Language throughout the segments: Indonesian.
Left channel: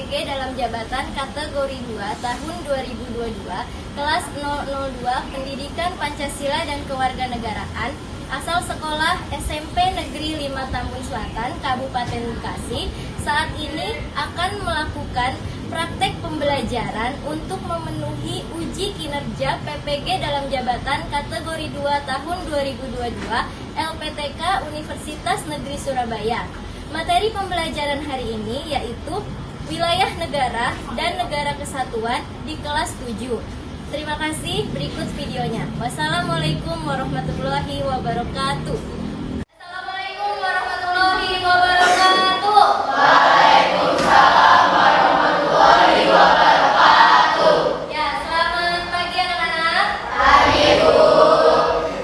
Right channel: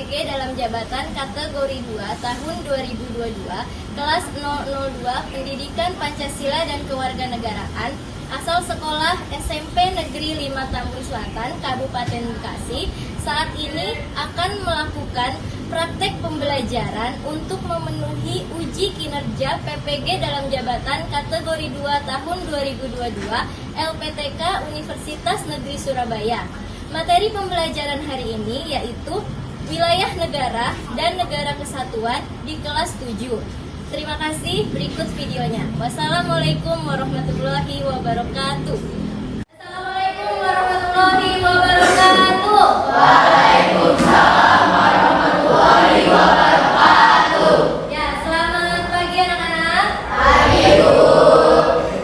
PPG dalam jabatan kategori 2 tahun 2022 kelas 002 Pendidikan Pancasila dan Kewarganegaraan asal sekolah SMP Negeri 5 Tambun Selatan, Kabupaten Bekasi, saat ini akan melakukan praktek pembelajaran untuk memenuhi uji kinerja PPG dalam jabatan kategori 2 tahun 2022 LPTK Universitas Negeri Surabaya. Materi pembelajaran hari ini yaitu wilayah negara dan negara kesatuan di kelas 7. Terima kasih, berikut videonya. Wassalamualaikum warahmatullahi wabarakatuh. Assalamualaikum warahmatullahi wabarakatuh. Waalaikumsalam warahmatullahi wabarakatuh. Ya, selamat pagi anak-anak. Pagi, Bu.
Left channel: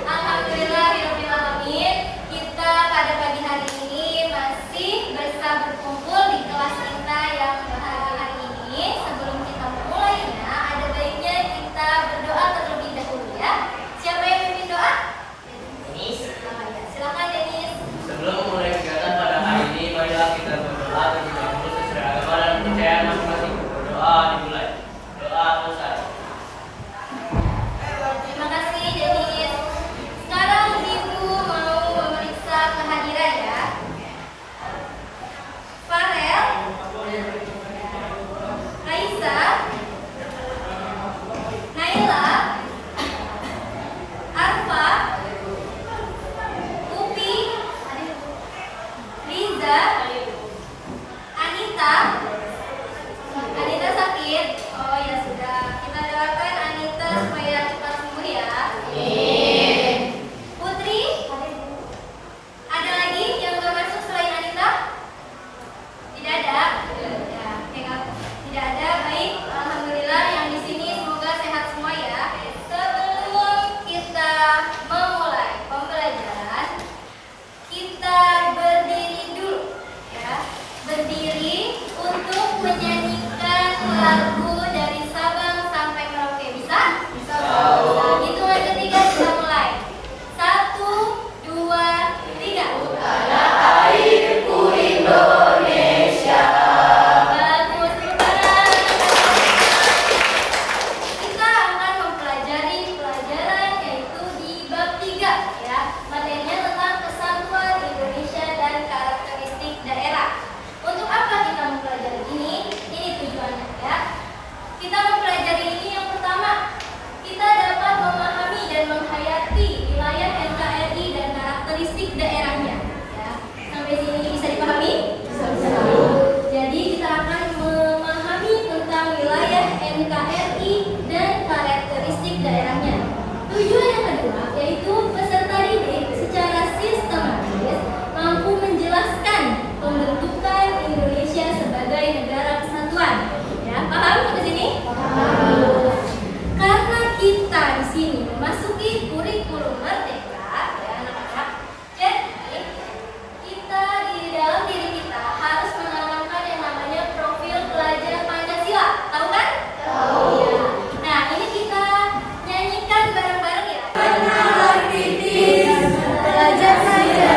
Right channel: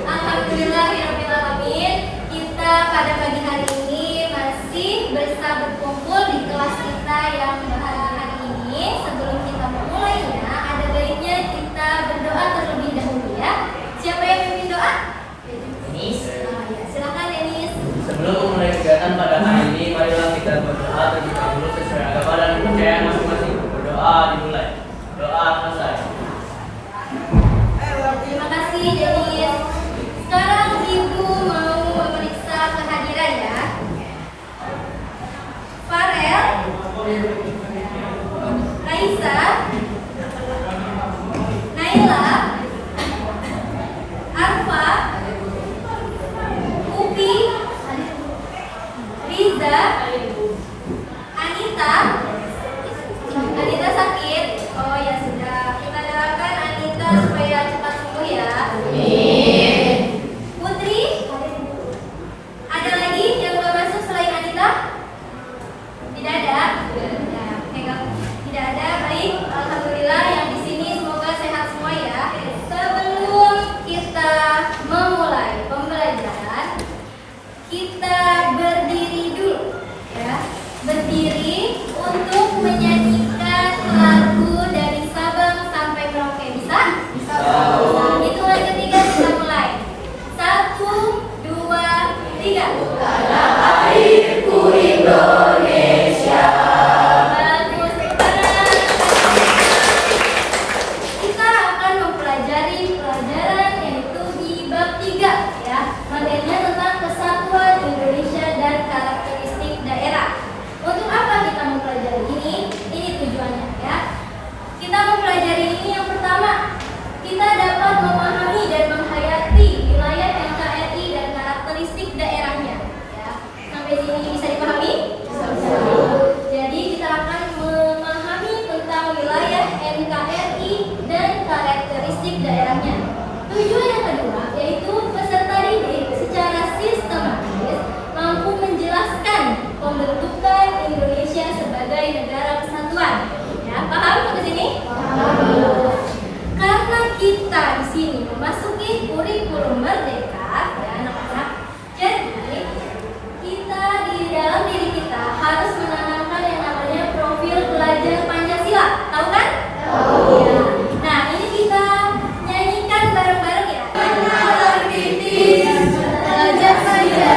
Alhamdulillahirrahmanirrahim. Kita pada pagi hari ini masih bisa berkumpul di kelas kita yang hari ini. Sebelum kita memulainya, ada baiknya kita berdoa terlebih dahulu ya. Siapa yang pimpin doa? Denis. Ya, silakan Denis. Sebelum memulai kegiatan pada hari ini, marilah kita berdoa terlebih dahulu sesuai agama dan kepercayaan masing-masing. Berdoa dimulai. Doa selesai. Terima kasih Denis. Sekarang Ibu mau memeriksa kehadiran ya. Farel, Raisa, Naila, Arfa, Upi, Riza, Anita sakit. Oh ya sudah, kita doakan Anita supaya cepat sembuh ya. Putri, ada lagi yang nggak masuk selain Anita? Tidak ada? Ya, oke, kalau tidak ada, baik. Alhamdulillah yang di sini semoga sehat semua ya. Sebelum kita memulai pembelajaran, kita berdiri dulu ya. Berdiri untuk menyanyikan lagu dari Sabang sampai Merauke. Bisa? Nah, hitungan ketiga kita mulai. 1, 2, 3. Tanah airku Indonesia. Bagus, sekarang kita akan mempelajari pelajaran yaitu di bab 3 ya. Materinya tentang kesatuan Indonesia dan karakteristik daerah. Untuk apa kita mempelajari ini? Ini tujuannya ya. Kita mempelajari ini yang pertama, kita dapat memahami dan menghayati wilayah NKRI dan karakteristik daerahnya. Ya. Sampai sini bisa dipahami? Jadi kita akan memahami tentang wilayah NKRI dan karakteristik daerahnya. Tujuan yang kedua yaitu peserta didik secara sistematis mampu menjelaskan pembentukan Indonesia sebagai negara kesatuan. Ya, paham sampai sini? Karena kita di sini memasuki kurikulum merdeka, ya anak-anak. Jadi kita di dalam diri kita harus menanamkan yang namanya profil pelajar Pancasila. Tahu kan? Tahu. Ya. Nah, ini kita nyanyikan bareng-bareng ya. Belajar saja,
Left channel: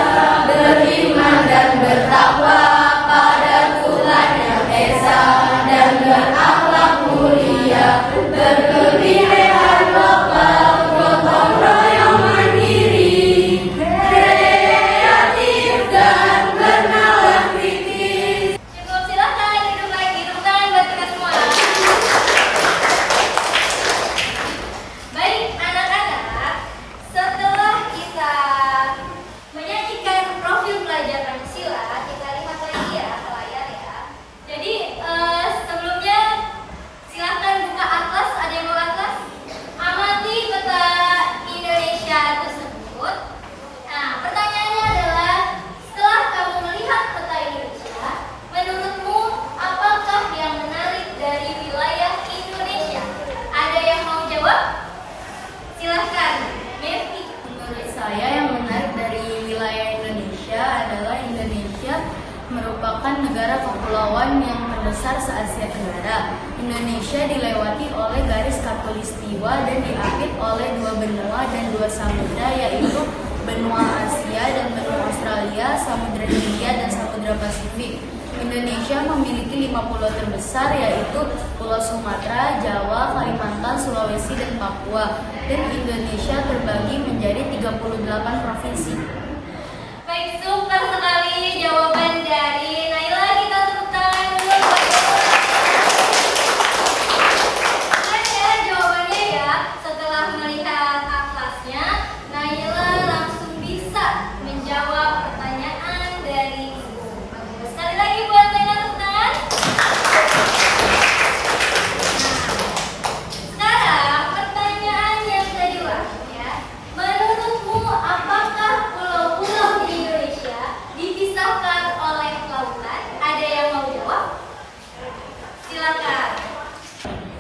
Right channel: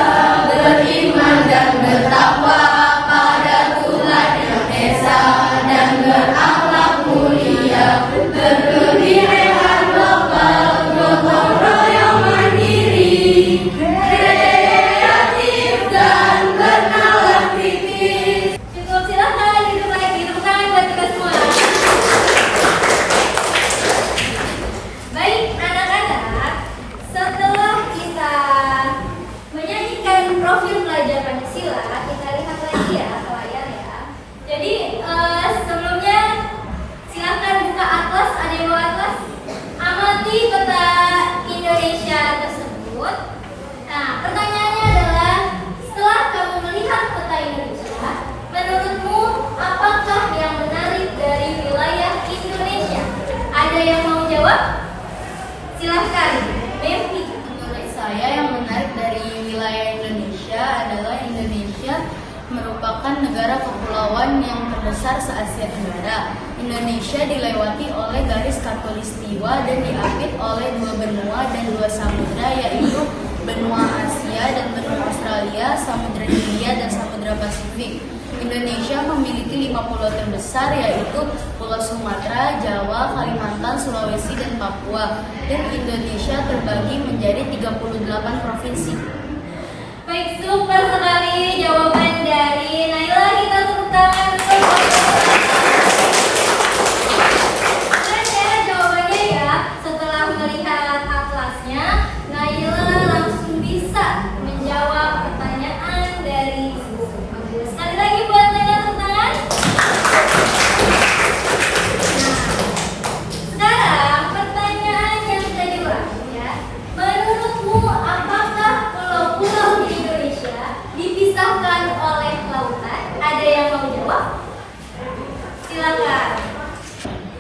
beriman dan bertakwa pada Tuhan yang Esa dan berakhlak mulia, berkebinekaan lokal, gotong royong mandiri, kreatif dan bernalar pikir. Cukup, silakan duduk lagi. Tepuk tangan buat kita semua. Baik anak-anak, setelah kita menyanyikan profil pelajar Pancasila, kita lihat lagi ya ke layar ya. Jadi sebelumnya silakan buka atlas. Ada yang bawa atlas? Amati peta Indonesia tersebut. Nah, pertanyaannya adalah, setelah kamu melihat peta Indonesia, menurutmu apakah yang menarik dari wilayah Indonesia? Ada yang mau jawab? Silahkan, Mevi. Menurut saya yang menarik dari wilayah Indonesia adalah Indonesia merupakan negara kepulauan yang terbesar se-Asia Tenggara. Indonesia dilewati oleh garis khatulistiwa dan diapit oleh 2 benua dan 2 samudra, yaitu benua Asia dan benua Australia, Samudra Hindia dan Samudra Pasifik. Indonesia memiliki 5 pulau terbesar yaitu Pulau Sumatera, Jawa, Kalimantan, Sulawesi, dan Papua. Dan Indonesia terbagi menjadi 38 provinsi. Baik, super sekali jawaban dari Naila. Kita tepuk tangan dulu. Keren ya jawabannya ya. Setelah melihat atlasnya, Naila langsung bisa menjawab pertanyaan dari ibu. Bagus. Sekali lagi buat Naila, tepuk tangan. Nah, sekarang pertanyaan yang kedua ya. Menurutmu apakah pulau-pulau di Indonesia dipisahkan oleh lautan? Ada yang mau jawab? Silakan.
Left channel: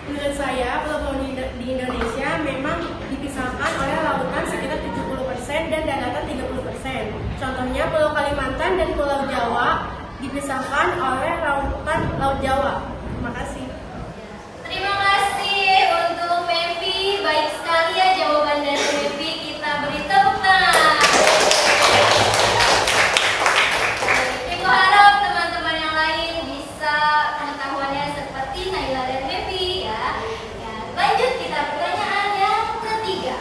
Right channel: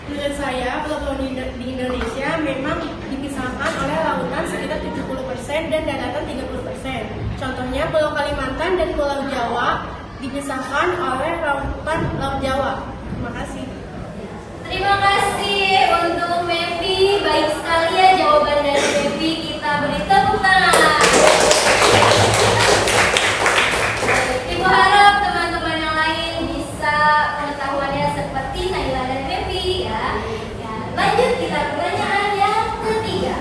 Menurut saya, pulau-pulau di Indonesia memang dipisahkan oleh lautan sekitar 70% dan daratan 30%. Contohnya Pulau Kalimantan dan Pulau Jawa dipisahkan oleh lautan Laut Jawa. Terima kasih. Terima kasih untuk Mevi. Baik sekali ya jawaban dari Mevi. Kita beri tepuk tangan. Ibu harap teman-teman yang lain bisa pengetahuannya seperti Naila dan Mevi ya. Lanjut kita ke pertanyaan yang ketiga.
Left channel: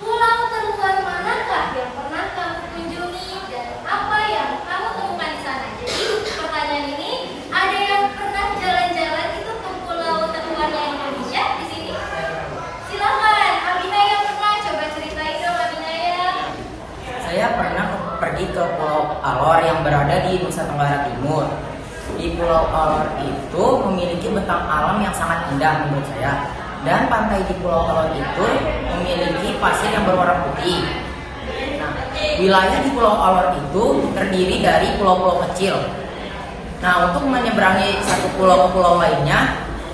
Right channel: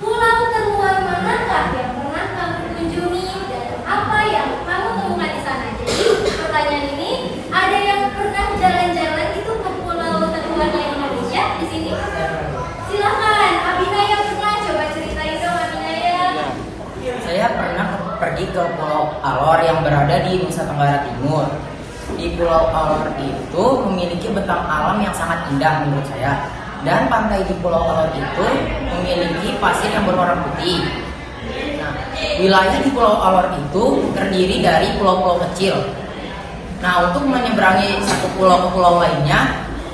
Pulau terluar manakah yang pernah kamu kunjungi dan apa yang kamu temukan di sana? Jadi pertanyaan ini, ada yang pernah jalan-jalan itu ke pulau terluarnya Indonesia di sini? Silakan, Abinaya pernah, coba ceritain dong Abinaya. Saya pernah pergi ke Pulau Alor yang berada di Nusa Tenggara Timur. Di Pulau Alor itu memiliki bentang alam yang sangat indah menurut saya. Dan pantai di Pulau Alor itu memiliki pasir yang berwarna putih. Nah, wilayah di Pulau Alor itu terdiri dari pulau-pulau kecil. Nah, untuk menyeberangi satu pulau ke pulau lainnya,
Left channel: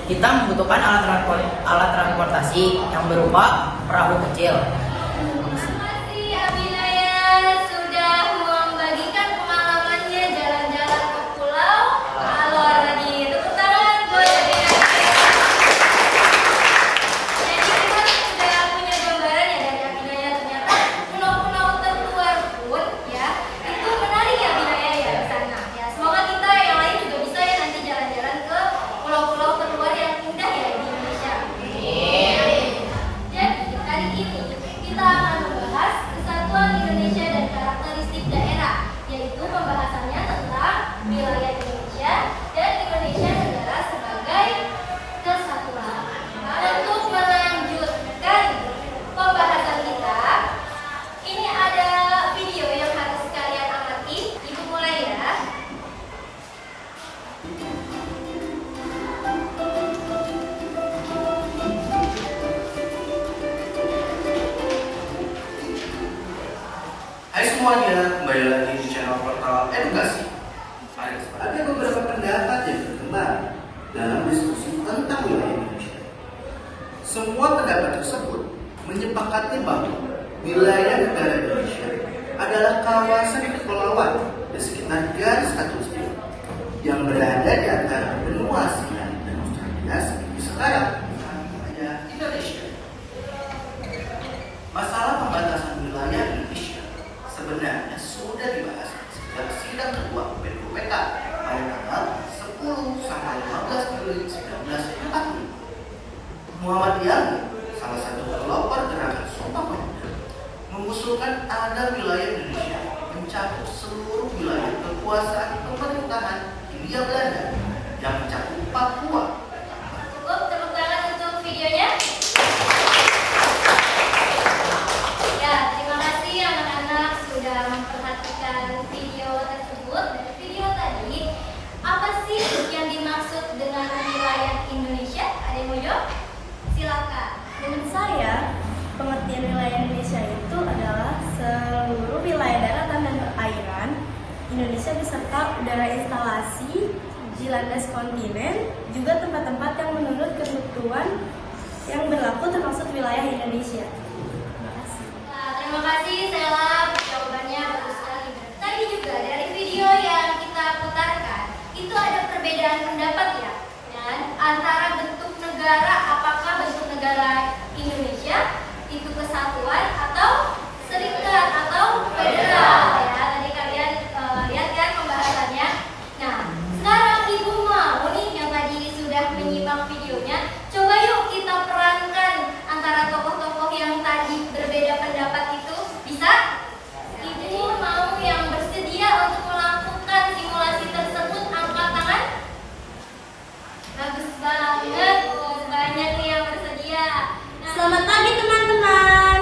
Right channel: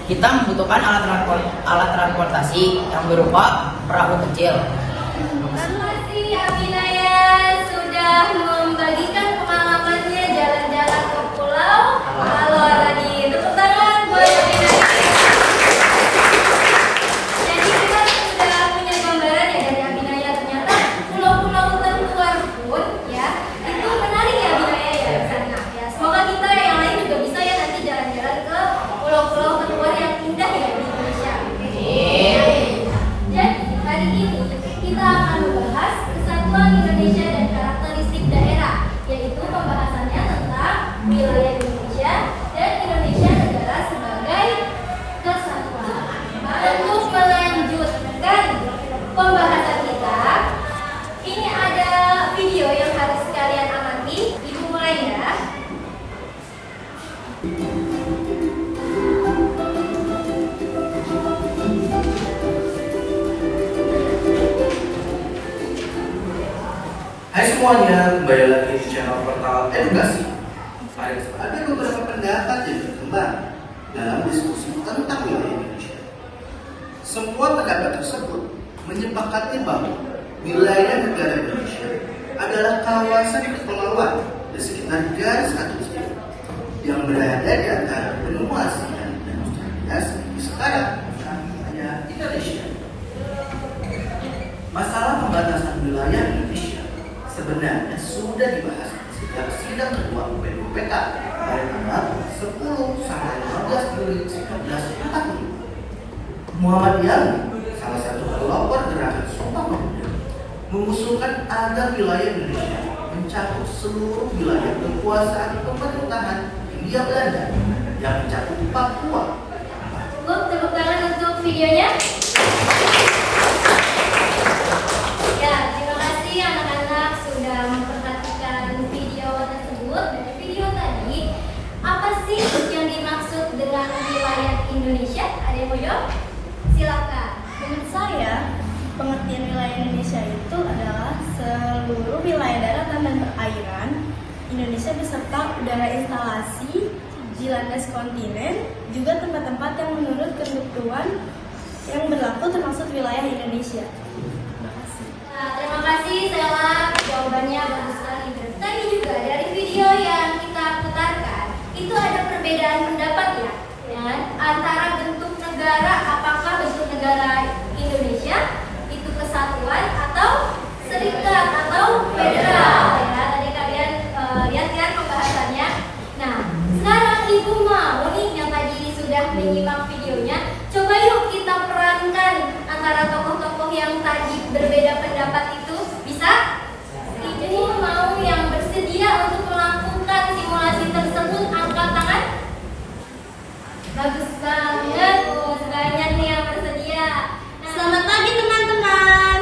kita membutuhkan alat transportasi yang berupa perahu kecil. Terima kasih Abinaya sudah membagikan pengalamannya jalan-jalan ke Pulau Alor tadi. Tepuk tangan buat Abinaya. Jadi kita sudah punya gambaran ya dari Abinaya, ternyata pulau-pulau terluar pun ya itu menarik ya Abinaya ya di sana. Ya semoga kita yang lain juga bisa ya nanti jalan-jalan ke pulau-pulau terluar yang indah ya di Indonesia. Jadi kali ini kita akan membahas kesatuan Indonesia dan karakteristik daerah, yaitu pembahasannya tentang wilayah Indonesia dan Indonesia negara sebagai kesatuan. Untuk melanjutkan pembahasan kita, ini ada video yang harus kalian amati. Ibu mulai ya. Hai semuanya, kembali lagi di channel Portal Edukasi. Ada beberapa pendapat yang berkembang dalam diskusi tentang wilayah Indonesia. Semua pendapat tersebut menyepakati bahwa wilayah negara Indonesia adalah kawasan kepulauan di sekitar garis khatulistiwa yang berada di antara benua Asia dan Australia sebagai sekarang namanya Indonesia. Masalah pembatasan wilayah Indonesia sebenarnya sudah dibahas sejak sidang ketua UPK pada tanggal 10 sampai 15 Juli 1945. Muhammad Yani, salah satu pelopor gerakan Sumpah Pemuda, mengusulkan agar wilayah Indonesia mencakup seluruh wilayah kekuasaan pemerintahan Hindia Belanda yang mencakup Papua. Cukup tepuk tangan untuk videonya. Ya, terima kasih anak-anak sudah memperhatikan video tersebut. Dari video tadi, apa sih yang dimaksud dengan wilayah Indonesia? Ada yang mau jawab? Silakan. Menurut saya, pengertian wilayah Indonesia itu adalah seluruh wilayah daratan dan perairan Indonesia beserta udara instalasi di landas kontinen, juga tempat-tempat yang menurut ketentuan yang berlaku termasuk wilayah Indonesia. Terima kasih. Nah, terima kasih Sela, jawabannya bagus sekali. Tadi juga dari video yang kita putarkan, itu ada perbedaan pendapat ya, antara bentuk negara, apakah bentuk negara Indonesia itu kesatuan atau serikat atau federal ya. Tadi kalian lihat kan pembahasannya. Nah, menyimak videonya, coba yuk kita perankan antara tokoh-tokoh yang tadi berbeda pendapat itu. Bisa? Ini mau yang bersedia untuk melakukan simulasi tersebut angkat tangan. Bagus banget, banyak nih yang bersedia. Nah, Selamat pagi teman-teman.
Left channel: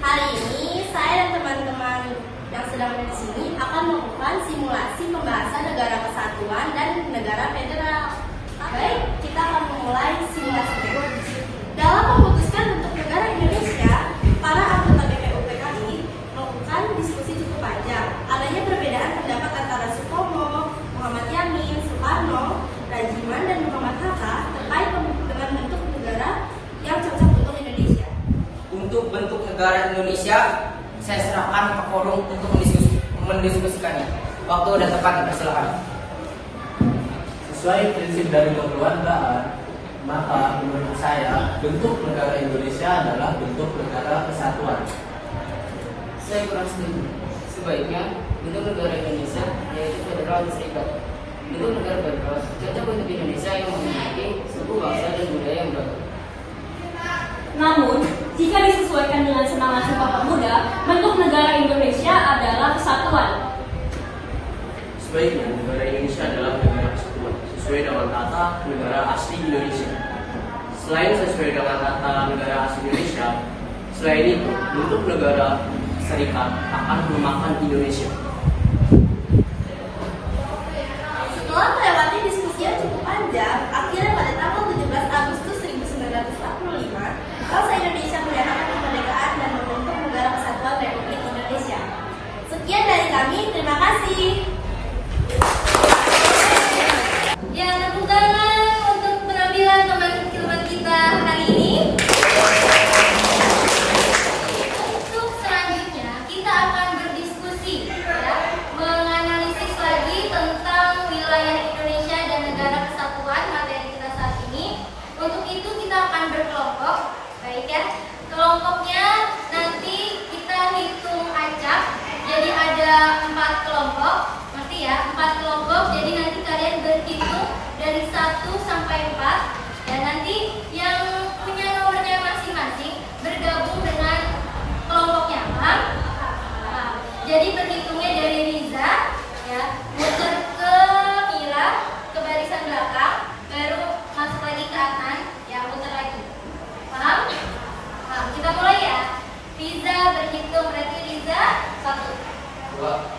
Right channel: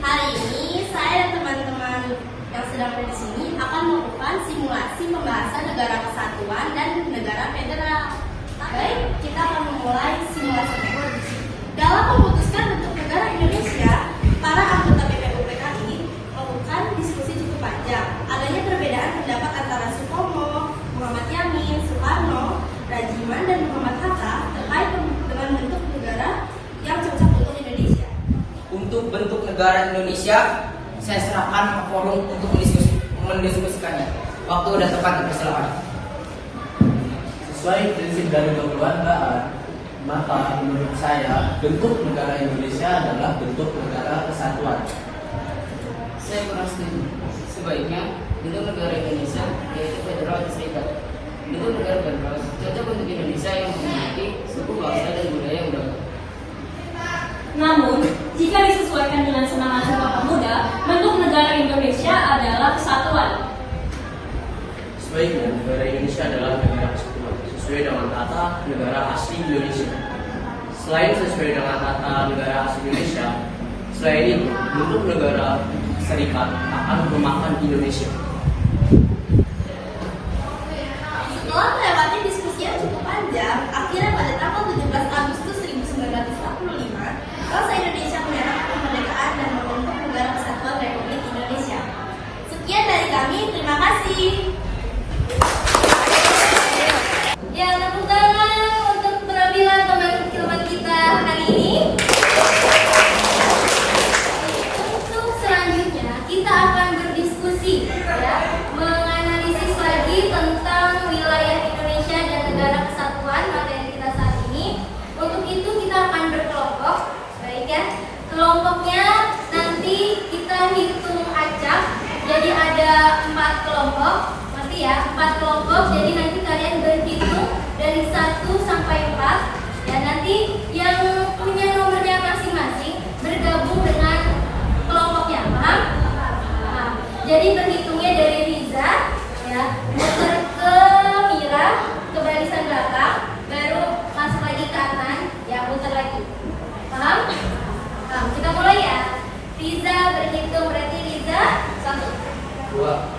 Hari ini saya dan teman-teman yang sedang ada di sini akan melakukan simulasi pembahasan negara kesatuan dan negara federal. Baik, kita akan memulai simulasinya. Dalam memutuskan bentuk negara Indonesia, para anggota BPUPK ini melakukan diskusi cukup panjang. Adanya perbedaan pendapat antara Sutomo, Muhammad Yamin, Soekarno, Rajiman, dan Muhammad Hatta terkait dengan bentuk negara yang cocok untuk Indonesia. Untuk bentuk negara Indonesia, saya serahkan ke forum untuk mendiskusikannya. Waktu udah tepat, silakan. Sesuai prinsip dari kekeluargaan, maka menurut saya bentuk negara Indonesia adalah bentuk negara kesatuan. Saya kurang setuju. Sebaiknya bentuk negara Indonesia yaitu federal dan serikat. Bentuk negara federal cocok untuk Indonesia yang memiliki suku, bahasa, dan budaya yang beragam. Namun, jika disesuaikan dengan semangat Sumpah Pemuda, bentuk negara Indonesia adalah kesatuan. Sebaiknya negara Indonesia adalah negara kesatuan sesuai dengan kata negara asli Indonesia. Selain sesuai dengan kata negara asli Indonesia, selain itu bentuk negara serikat akan melemahkan Indonesia. Setelah melewati diskusi yang cukup panjang, akhirnya pada tanggal 17 Agustus 1945, bangsa Indonesia mendapatkan kemerdekaan dan membentuk negara kesatuan Republik Indonesia. Sekian dari kami, terima kasih. ya tepuk tangan untuk penampilan teman-teman kita hari ini. Untuk selanjutnya kita akan berdiskusi, ya, menganalisis lagi tentang wilayah Indonesia dan negara kesatuan materi kita saat ini. Untuk itu kita akan berkelompok, baik ya. Kelompoknya nanti kita hitung acak, jadi ada 4 kelompok, ngerti ya? 4 kelompok, jadi nanti kalian berhitung dari 1 sampai 4. Ya, nanti yang punya nomornya masing-masing bergabung dengan kelompoknya, paham? Nah, jadi berhitungnya dari Riza, ya, muter ke Mira, ke barisan belakang, baru masuk lagi ke Adnan, ya, muter lagi. Paham? Nah, kita mulai ya. Riza berhitung, berarti Riza 1, 2,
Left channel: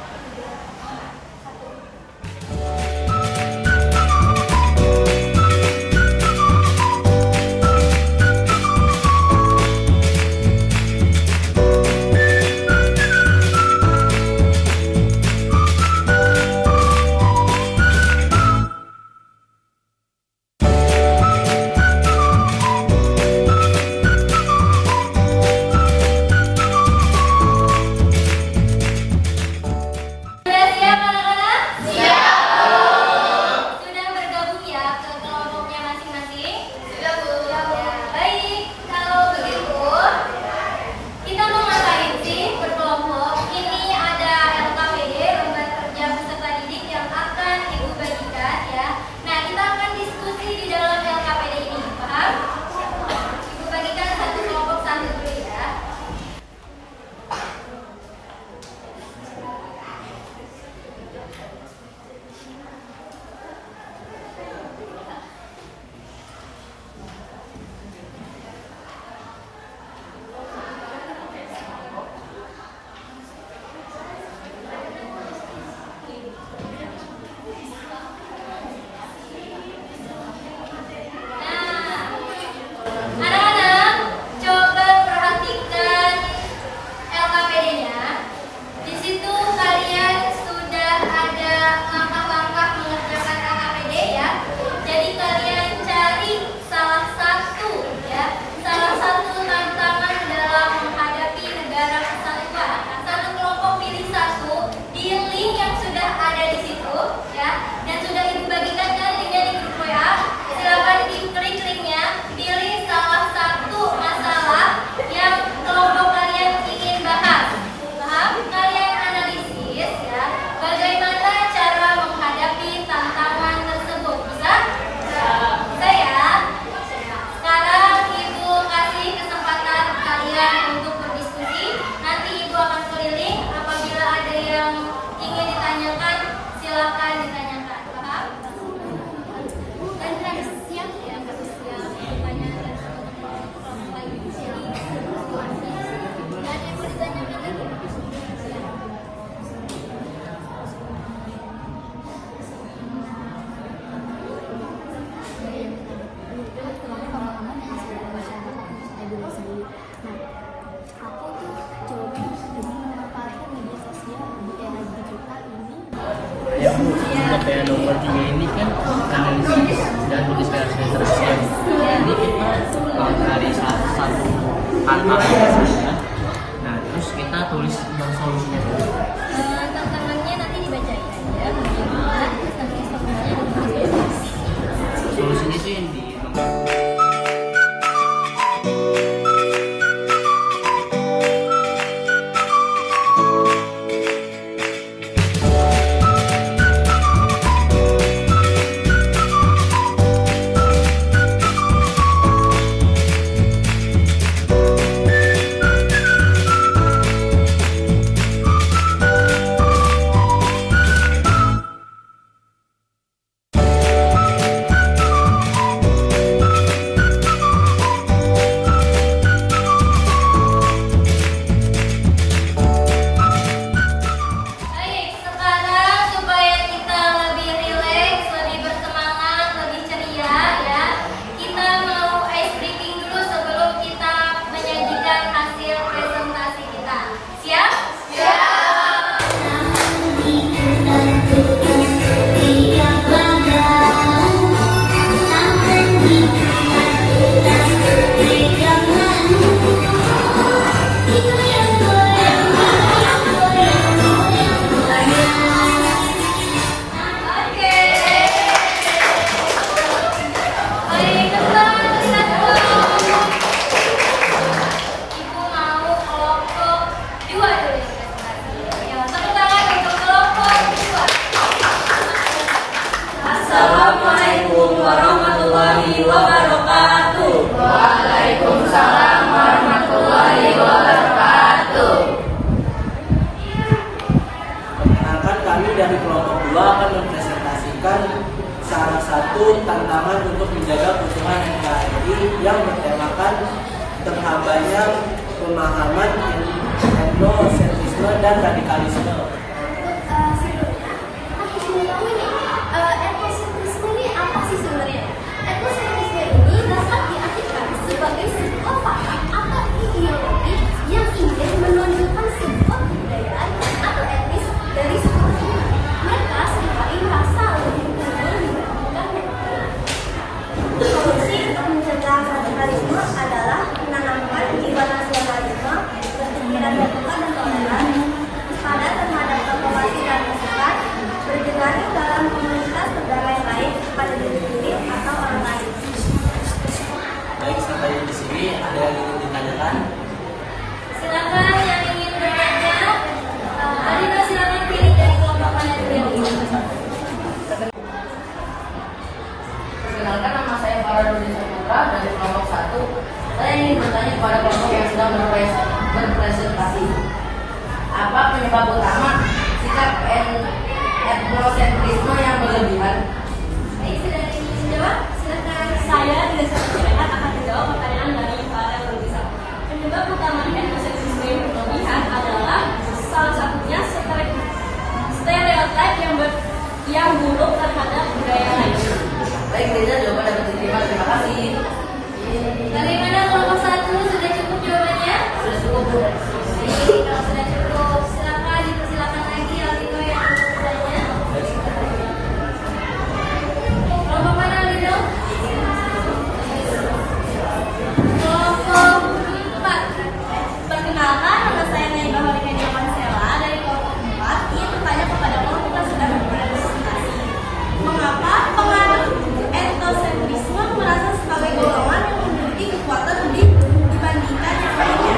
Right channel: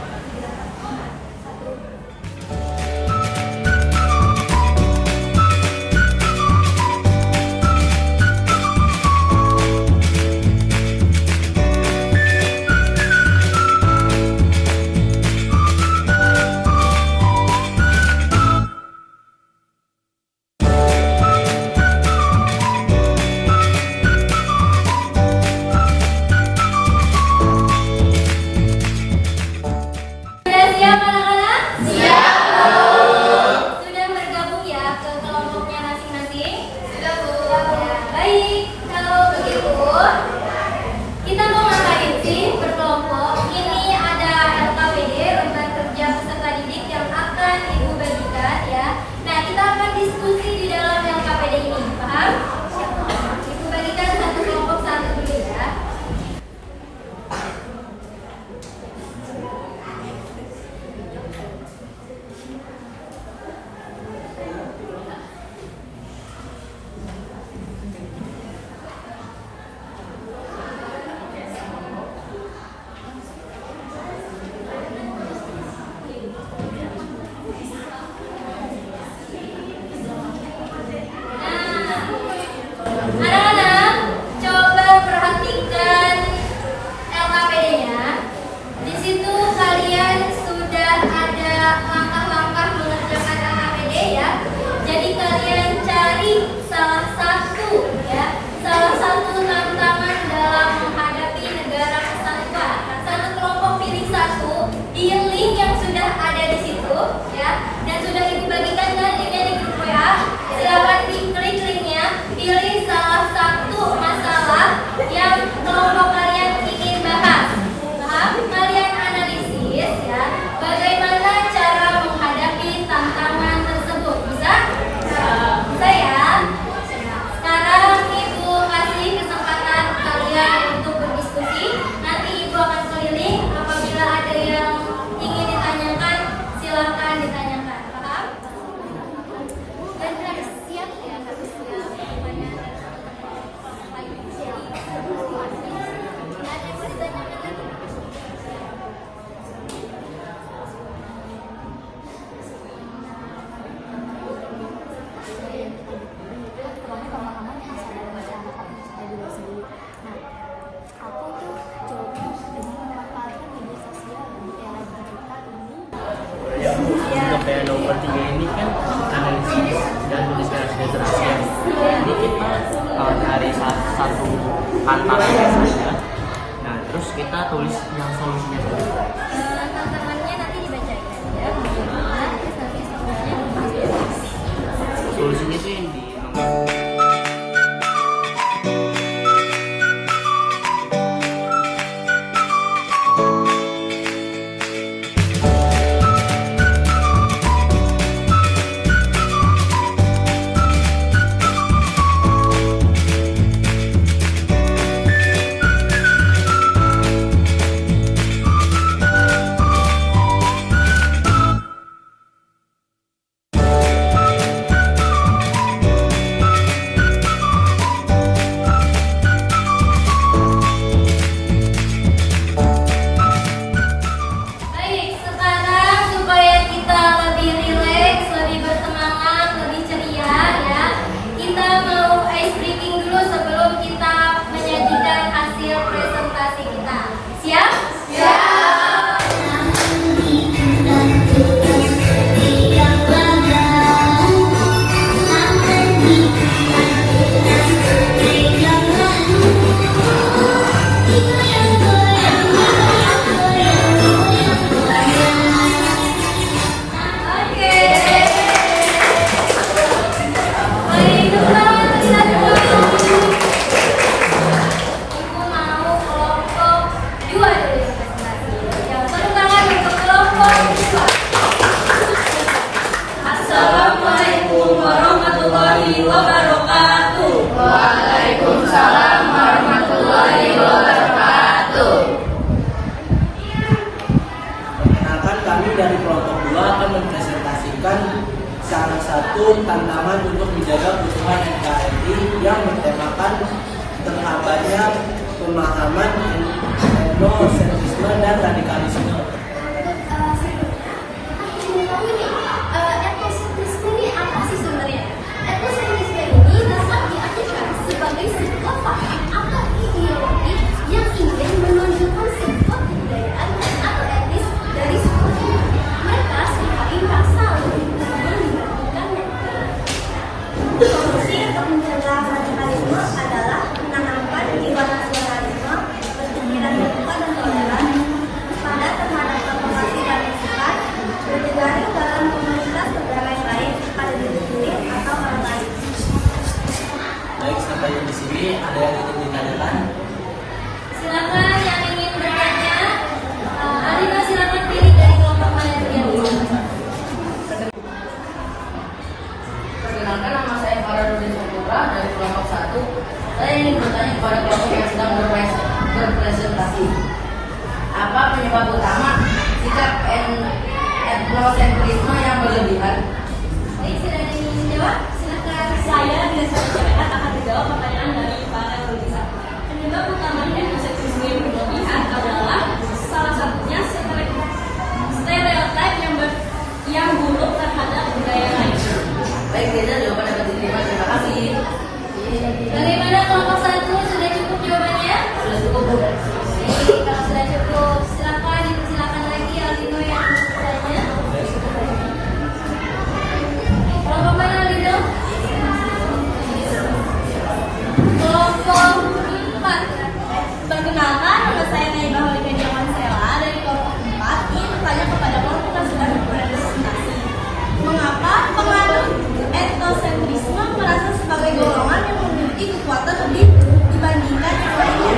mungkin analisis dan menginspirasi dari ASEAN. Jadi kita dari satu tantangan ya. Nah terus kita tulis yang solusinya dulu. Tantangannya nanti dibacain aja, bagaimana, terus nanti solusinya Solusinya itu yang di Baik, sekarang supaya kita lebih rileks, lebih bersemangat, lebih ceria ya, kita mau ice breaking dulu sebelum kita menyajikan hasil presentasi kita. Siap? Oke. Baik, teman-teman, kita dulu. Ibu mau kelompok 2 dulu yang presentasi. Yang tepuk tangan untuk kelompok 2. Assalamualaikum warahmatullahi wabarakatuh. Waalaikumsalam warahmatullahi wabarakatuh. Perkenalkan, kami dari kelompok 2 akan mempresentasikan salah satu tantangan untuk menjaga kerusuhan NKRI yang bertemakan terhambatnya pemahaman etnosentrisme dan radikalisme. Etnosentrisme ini apa sih sebenarnya? Etnosentrisme ini dapat diartikan sebagai sebuah paham atau ideologi yang ingin menunjukkan sebuah kebudayaan atau etnis dari seperti mereka sebagai rasa lebih unggul dibandingkan mereka. Solusi untuk mencegah radikalisme adalah menanamkan jiwa nasionalisme, berpikiran terbuka dan toleran, pada terhadap provokasi dan masukan, berjejaring dalam komunitas negara yang baik pada diri sendiri atau orang lain. Baik, sampai di sini ada yang ingin ditanyakan. Silakan yang ingin bertanya. Alina, silakan pilih dari kelompok mana yang ingin. Perkenalkan, nama saya Farah Putra dari kelompok 1. Saya ingin bertanya kepada kelompok yang sedang berpresentasi. Apa penyebab utama sikap etnosentrisme yang berlebihan? Baik, sudah ada yang ingin menjawab? Silakan. Saya dengan satu syariat akan menjawab pertanyaan dari para lulusan. Penyebab utama etnosentrisme yang berlebihan adalah salah satunya stereotip yang buruk terhadap budaya lain. Baik, Reza, jawaban dapat diterima. Terima kasih. Dari mana kelompok 1 sudah cukup jawabannya? Sudah cukup, Bu. Kalau sudah cukup, silakan lagi Alina yang mau bertanya. Kelompok mana Alina? Kelompok 4. Perkenalkan, nama saya Naibah Holika Diamansela dari kelompok 4. Ingin bertanya kepada kelompok yang sudah berpresentasi. Mengapa pengaruh etnosentrisme merasa sebagai golongan yang memiliki kekuatan lebih dibandingkan yang lainnya?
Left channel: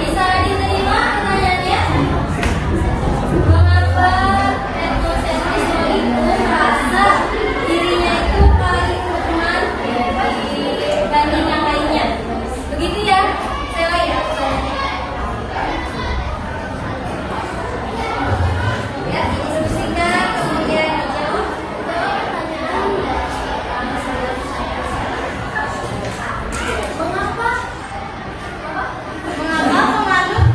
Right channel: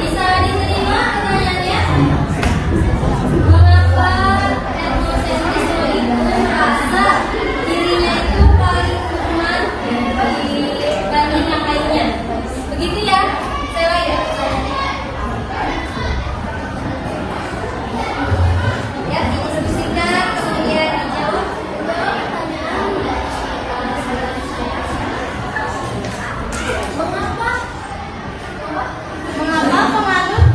Bisa diterima pertanyaannya? Mengapa etnosentrisme itu merasa dirinya itu paling kuat dibanding yang lainnya? Begitu ya? Saya lagi pertanyaannya. Ya, didiskusikan, kemudian dijawab. Mengapa pengaruh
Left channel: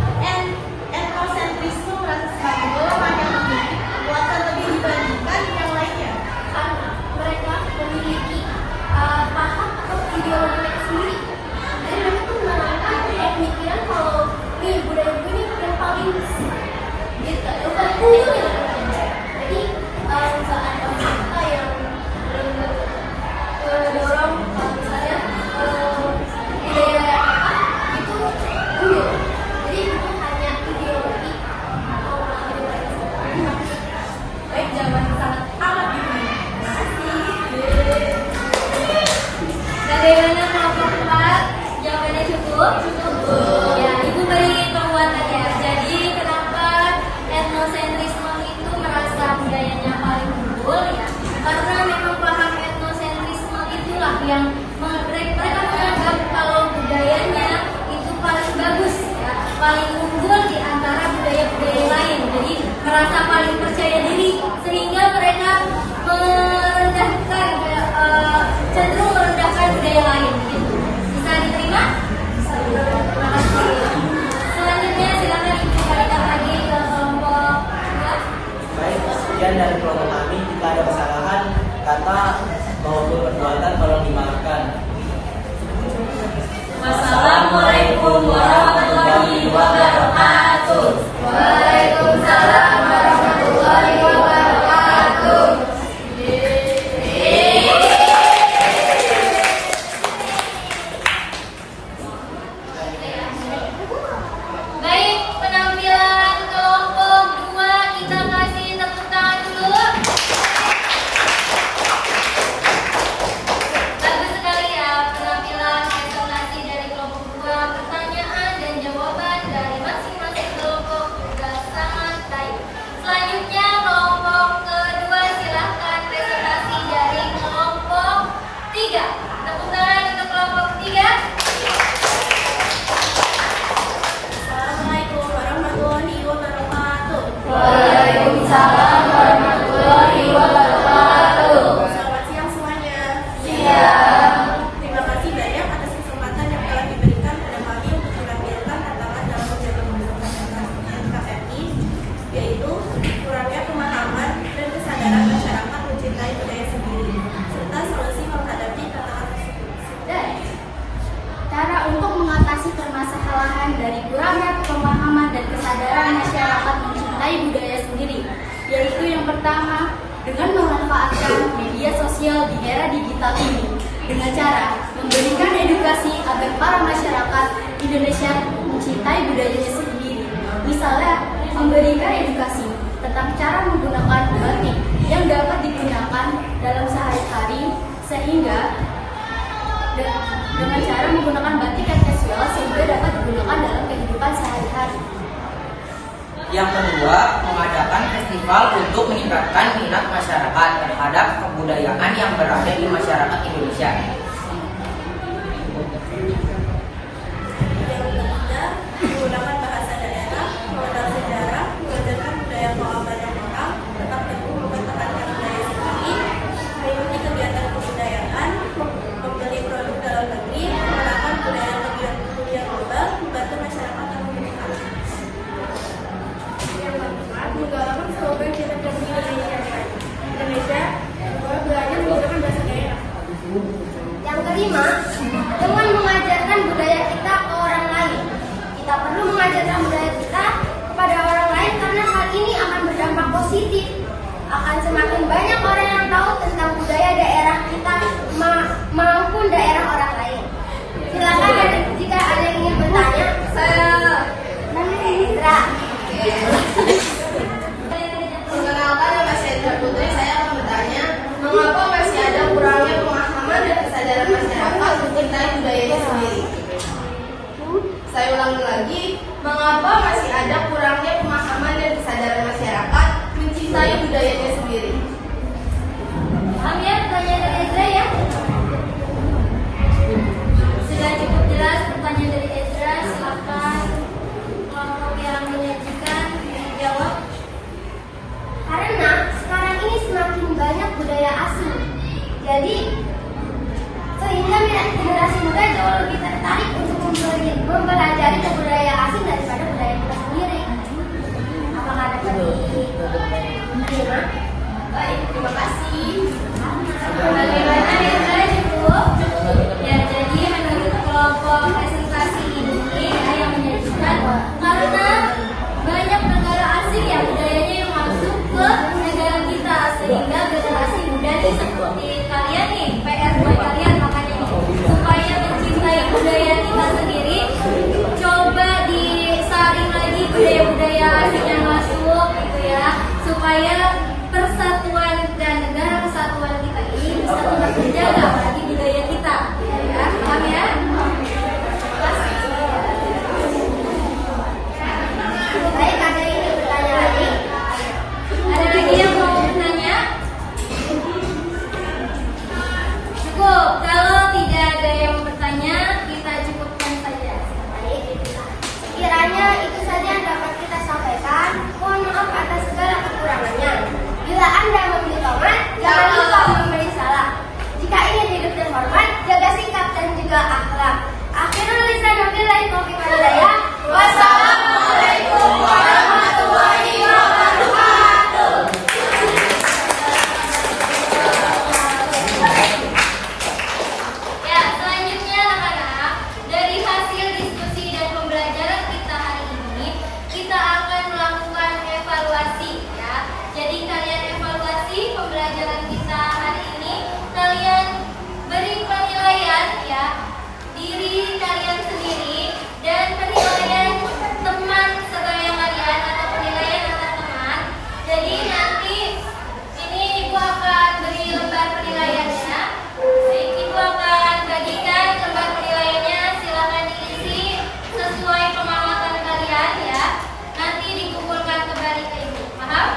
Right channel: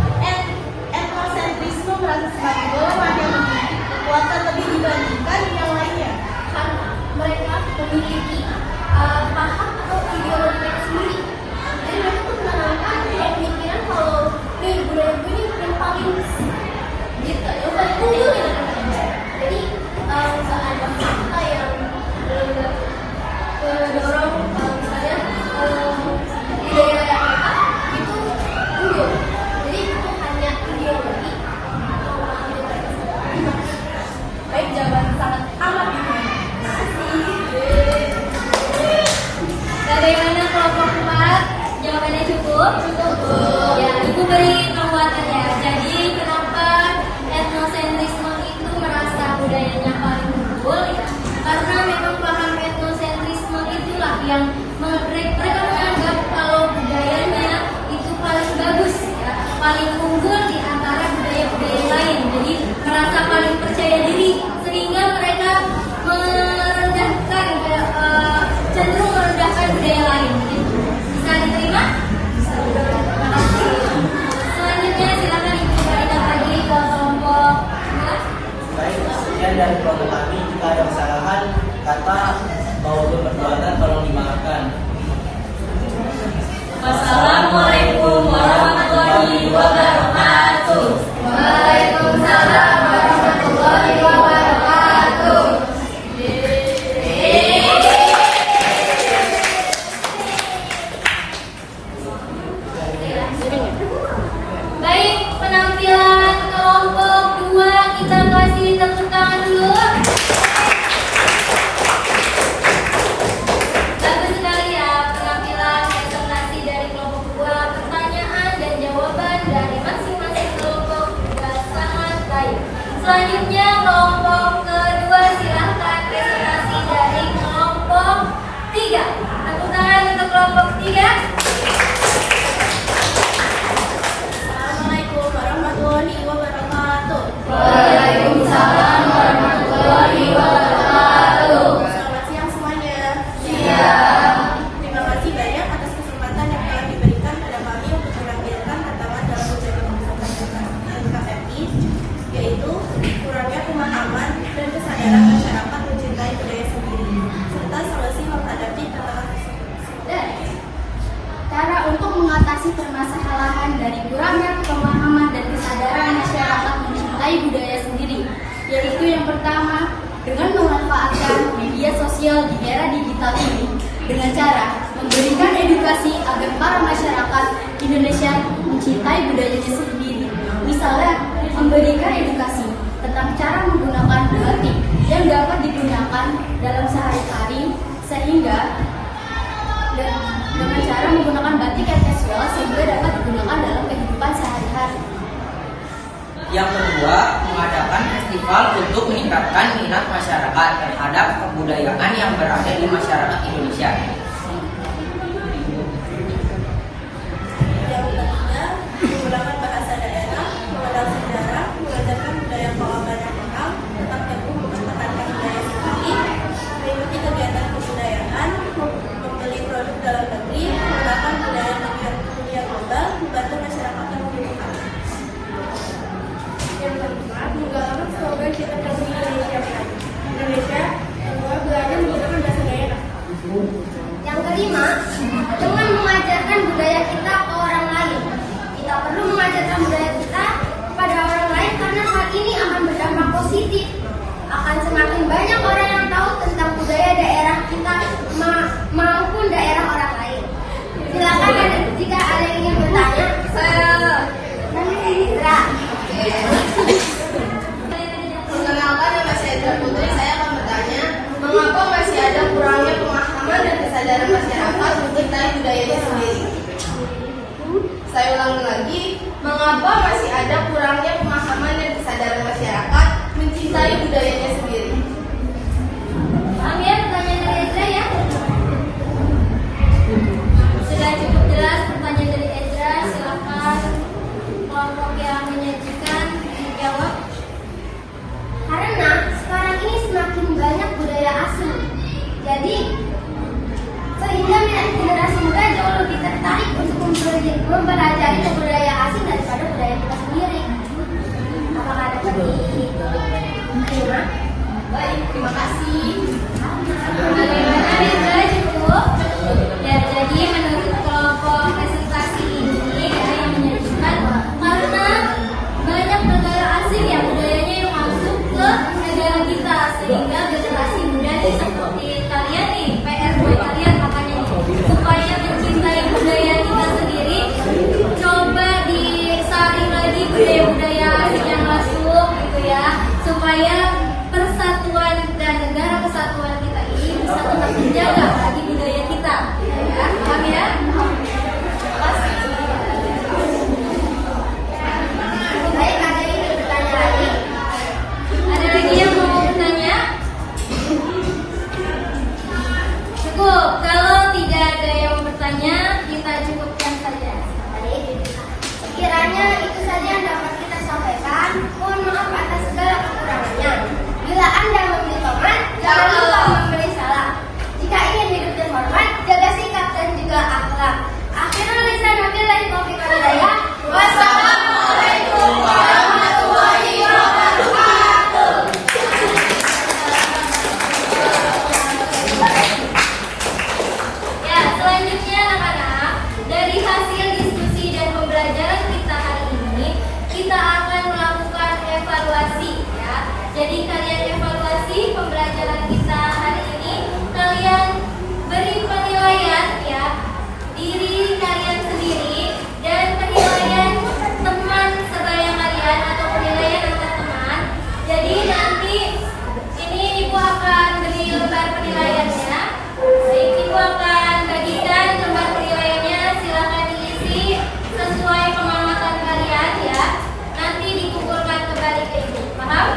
unggul ya, karena memang paham etnosentrisme itulah yang mereka menganggap kalau budayanya itu paling bagus ya, paling unggul di antara budaya-budaya lain. Jadi merasa paling percaya diri sehingga mereka merendahkan cenderung merendahkan budaya lain. Bisa diterima? Selanjutnya silakan Ibu Farida lagi ke kelompok. Baik, sekian dari kelompok kami. Jika ada kesalahan kata maupun perbuatan tolong dimaafkan. Wassalamualaikum warahmatullahi wabarakatuh. Waalaikumsalam warahmatullahi wabarakatuh. Baik, penampilan kelompok 2 kita kasih tepuk tangan dulu. Bagus sekali ya penampilan presentasi dari kelompok 2. Pertanyaan dan jawaban dari masing-masing kelompok juga sangat baik. Selanjutnya kelompok kedua silahkan presentasi dari kelompok 3. Tepuk tangan untuk kelompok 3. Assalamualaikum warahmatullahi wabarakatuh. Waalaikumsalam warahmatullahi wabarakatuh. Selamat siang semuanya. Siang. Terima kasih banyak atas kesempatan yang telah diberikan pada kami untuk menampilkan tantangan dalam menjaga pembentukan NKRI, yaitu kurangnya pemahaman dan kesadaran masyarakat mencintai budaya sendiri, serta solusi menghadapi tantangan tersebut. Dan cara untuk mengatasi permasalahan dari kurangnya pemahaman dan kesadaran masyarakat mencintai budaya sendiri, yaitu yang pertama, dengan memanfaatkan media sosial di era digital ini dengan cara memberikan edukasi agar para masyarakat Indonesia mencintai budayanya sendiri. Misalnya, memberikan edukasi tentang cara menggunakan batik yang dapat digunakan dalam sehari-hari sehingga dengan cara menggunakan batik yang casual sehingga dapat digunakan dalam kehidupan sehari-hari. Yang kedua, mengadakan festival untuk meningkatkan minat masyarakat terhadap kebudayaan yang berada di masyarakat Indonesia. Yang ketiga, menggunakan bahasa daerah, mengenal sejarah, mengajarkan budaya banyak orang, tetap teguh mempertahankan budaya sendiri, mengikuti kegiatan kebudayaan, membeli produk dalam negeri, mengenalkan budaya dunia global, membantu masyarakat yang membutuhkan. Yang keempat, menggalakkan slogan kita kasih Indonesia. Indonesia, bahwa belajar menggunakan bahasa daerah. Yang kelima, dengan mengajarkan budaya kita ke orang lain. Kita perlu mengajarkan budaya kita kepada orang lain karena hal ini akan berdampak positif. Akan semakin banyak orang yang tahu tentang budaya daerah kita maupun daerah orang lain. Silakan jika ada yang ingin bertanya. Perkenalkan, nama saya Indra Putri. Saya akan bertanya, mengapa masih ada kurangnya pemahaman dan kesadaran masyarakat mencintai budayanya sendiri? Saya ulangi lagi, mengapa masih ada kurangnya pemahaman dan kesadaran masyarakat mencintai budayanya sendiri? Paham ya pertanyaan dari Ezra ya? Sudah cukup jelas pertanyaan dari Ezra. Silakan kelompok yang menyajikan menjawab. Karena sekarang ini semakin banyak budaya asing. Jadi sehingga generasi muda jauh lebih tertarik untuk mempelajari budaya asing daripada budaya kita sendiri. Apakah dapat diterima? Baik, terima kasih. Bagaimana Ezra cukup? Ya, jadi menurut kelompok presentasi ini ya, yang menyajikan karena banyak negara asing ya budayanya yang masuk ke negara kita sehingga generasi muda nih seperti kalian nih PR buat kalian makanya nih supaya mencintai budaya kita sendiri coba disaring lagi budaya-budaya asing yang masuk gitu ya supaya persatuan dan negara kesatuan kita ini bisa tetap terjaga apalagi budaya kita ya paham ya? Baik, ada yang bertanya lagi? Ada lagi yang mau bertanya? Jangan lupa memberi salam. Jika ingin hidup terhormat, jaga sikap dan juga akhlak. Akhirnya bisa nabi dari Kopi Madaya. Wassalamualaikum warahmatullahi wabarakatuh. Ya, selanjutnya anak-anak, dari hasil diskusi dan pembelajaran kita hari ini, kita akan melakukan evaluasi ya. Jadi kalian evaluasi pembelajaran kita hari ini, kalian beri penilaian ya diri kalian sendiri dan penilaian teman sebaya kalian atau penilaian antar teman. Jadi nanti ini ibu akan beri lembar penilaiannya. Baik, ibu akan bagikan lembar penilaiannya. Silakan diisi sesuai pengamatan kalian ya. Nanti dikumpulkan kembali ke ibu. Paham?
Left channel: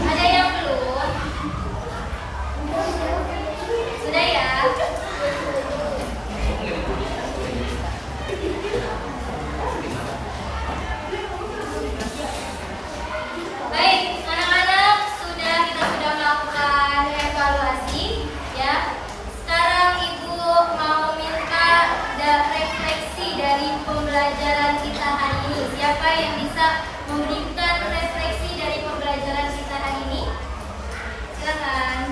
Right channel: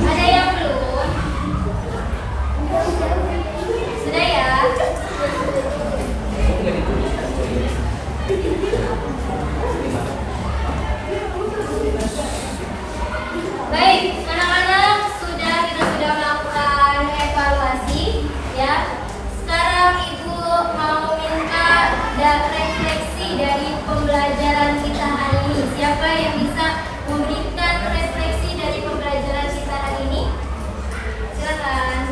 Ada yang belum? Sudah ya? Baik, anak-anak, kita sudah melakukan evaluasi ya. Sekarang ibu mau minta refleksi dari pembelajaran kita hari ini. Siapa yang bisa memberikan refleksi dari pembelajaran kita hari ini? Silakan.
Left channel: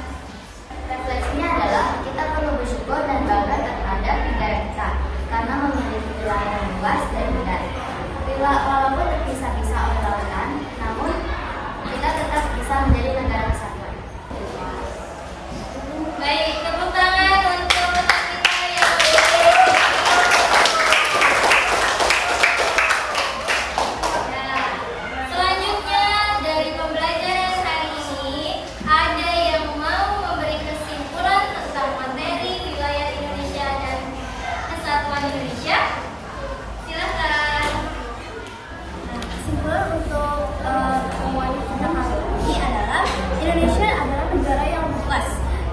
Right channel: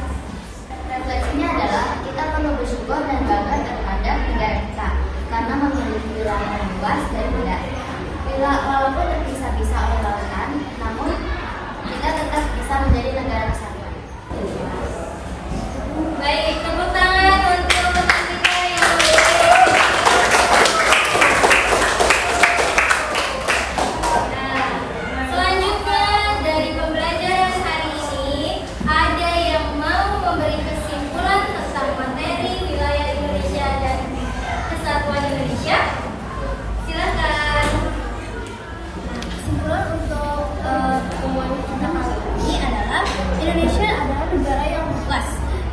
Refleksinya adalah kita perlu bersyukur dan bangga terhadap negara kita karena memiliki wilayah yang luas dan indah. Walaupun terpisah-pisah oleh lautan, namun kita tetap bisa menjadi negara kesatuan. Baik, tepuk tangan untuk teman kita yang Nah, selanjutnya dari pembelajaran hari ini, ada yang mau memberi kesimpulan tentang materi wilayah Indonesia dan kesatuan Indonesia? Silakan. Kesimpulan untuk pertemuan kita kali ini adalah Indonesia adalah negara yang luas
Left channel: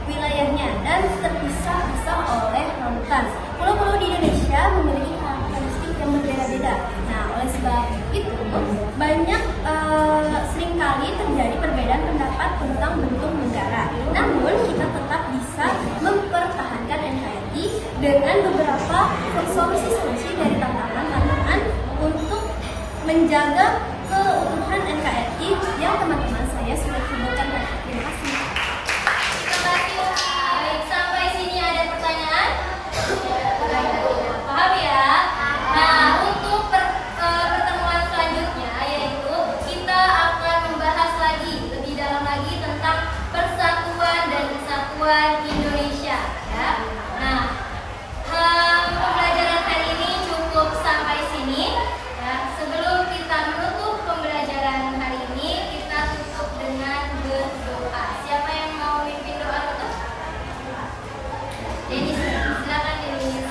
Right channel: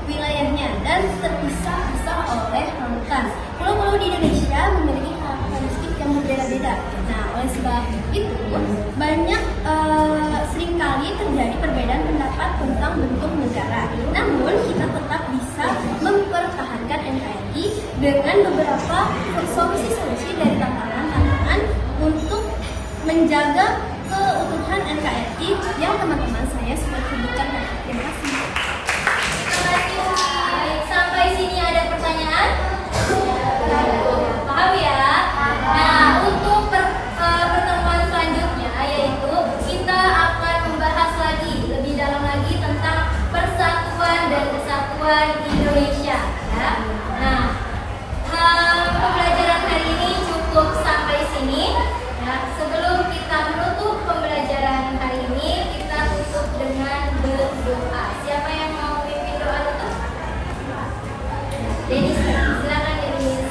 wilayahnya dan terpisah-pisah oleh lautan. Pulau-pulau di Indonesia memiliki karakteristik yang berbeda-beda. Nah, oleh sebab itu banyak seringkali terjadi perbedaan pendapat tentang bentuk negara. Namun kita tetap bisa mempertahankan NKRI dengan beberapa solusi-solusi dari tantangan-tantangan untuk menjaga keutuhan NKRI yang teman-teman saya sudah sebutkan tadi. Terima kasih. Terima kasih. Baik, sampai sini ada pertanyaan? Tidak. Paham ya? Nah, untuk pertemuan selanjutnya yaitu kita akan membahas lagi lebih dalam lagi tentang persatuan dan kesatuan Indonesia ya. Nah, pembelajaran hari ini cukup sampai sini ya. Sebelum kita menutup pembelajaran hari ini, kita tutup dengan berdoa. Siapa yang mau pimpin doa tutup? Denis, silakan Denis.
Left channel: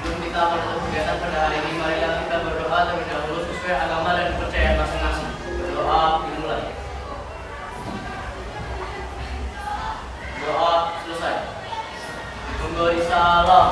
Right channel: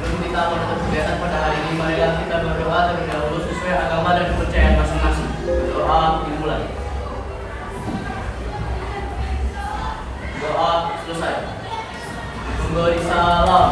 Untuk kita menutup kegiatan pada hari ini, mari kita berdoa terlebih dahulu sesuai agama dan kepercayaan masing-masing. Doa dimulai. Doa selesai. Memberi salam.